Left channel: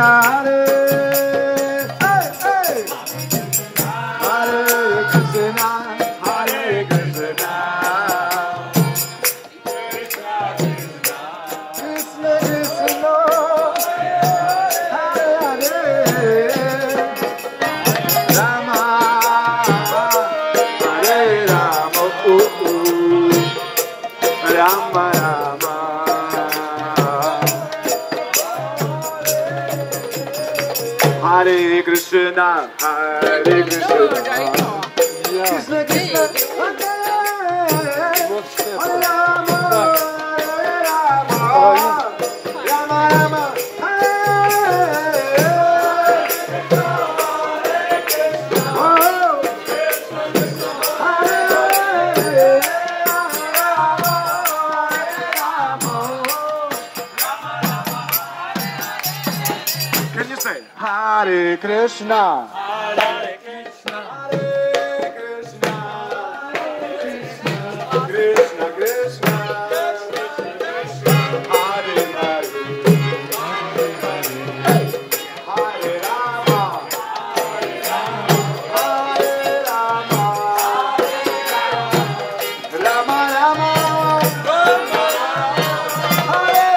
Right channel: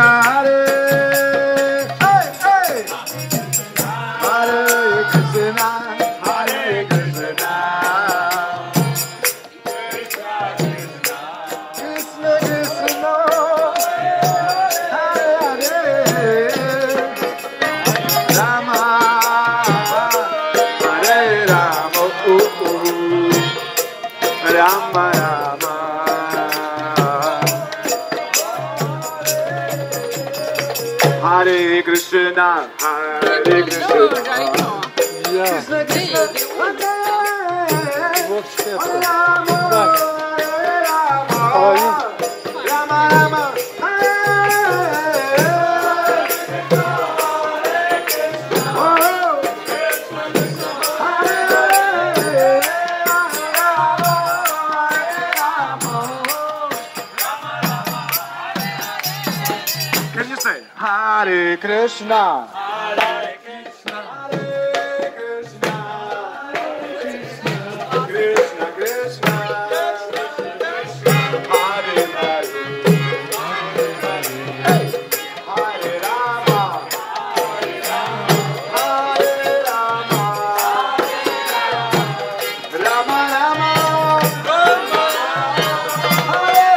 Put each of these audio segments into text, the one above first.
Hare. Hey, hey. Hare Krishna, Hare Krishna. Krishna Krishna, Hare Hare. Rama, Hare Rama, Rama Rama. Hare Krishna, Hare Krishna. Krishna Krishna, Hare Rama, Rama Rama, Can you say Hare Krishna? Hare Krishna, Hare Krishna, Krishna Krishna, Hare Hare, Hare Rama, Hare Rama, Rama Rama, Hare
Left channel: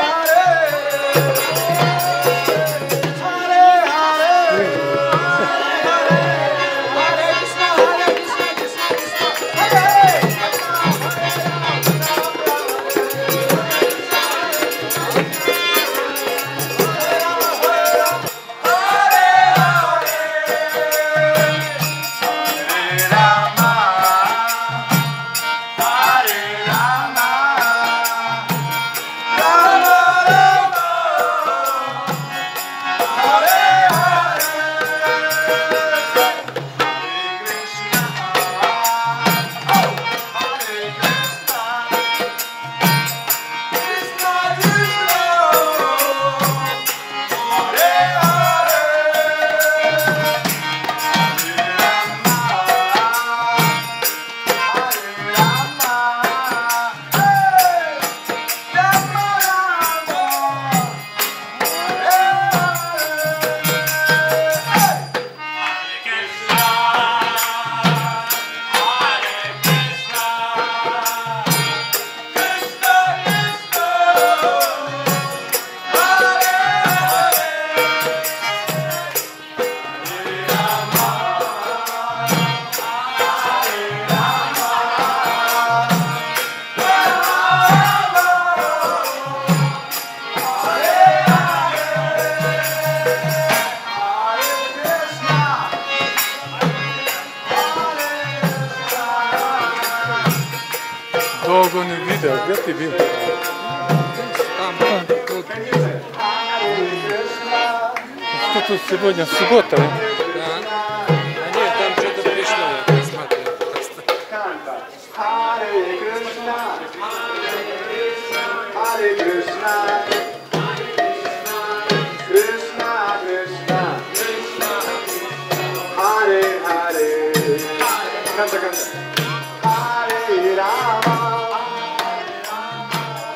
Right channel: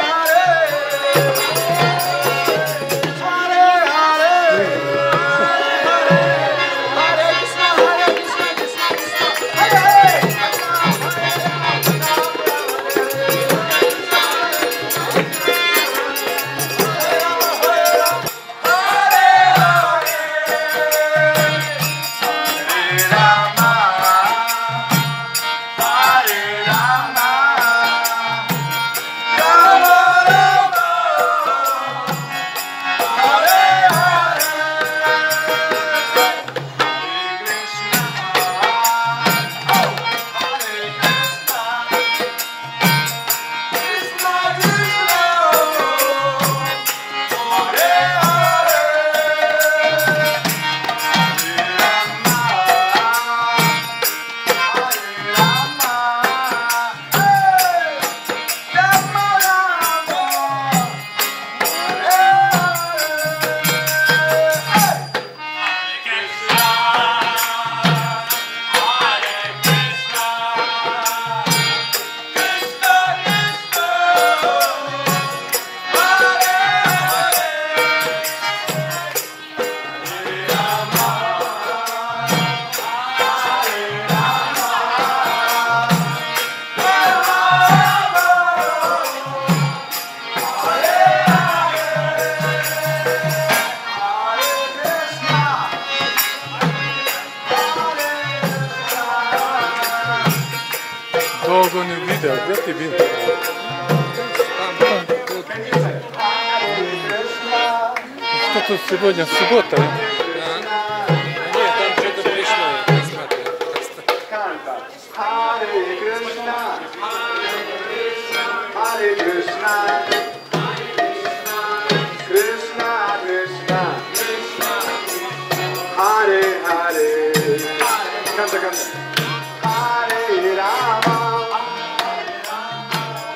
Долго не видел, где ты был? Что тут сегодня суббота? Нет, там что-то пришло, я посмотрел. Hare Krishna, Hare Krishna, Krishna Krishna, Hare Hare. Canta, canta. Hare Rama,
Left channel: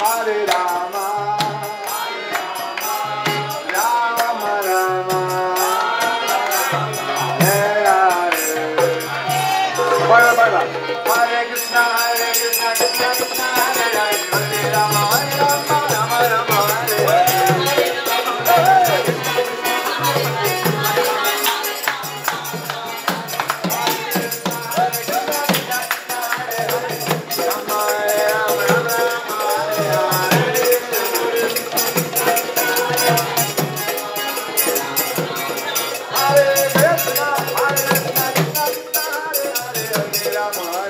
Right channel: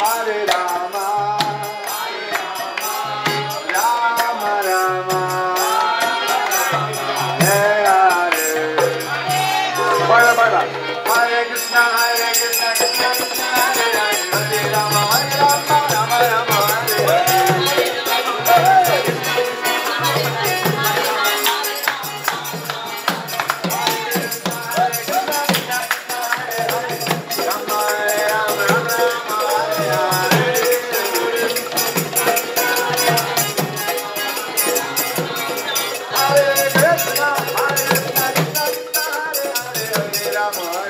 Hare Rama, Rama Rama, Hare Hare. Bye bye bye. Hare Krishna, Hare Krishna, Krishna Krishna, Hare Hare, Hare Rama, Hare Rama, Rama Rama, Hare Hare. Hare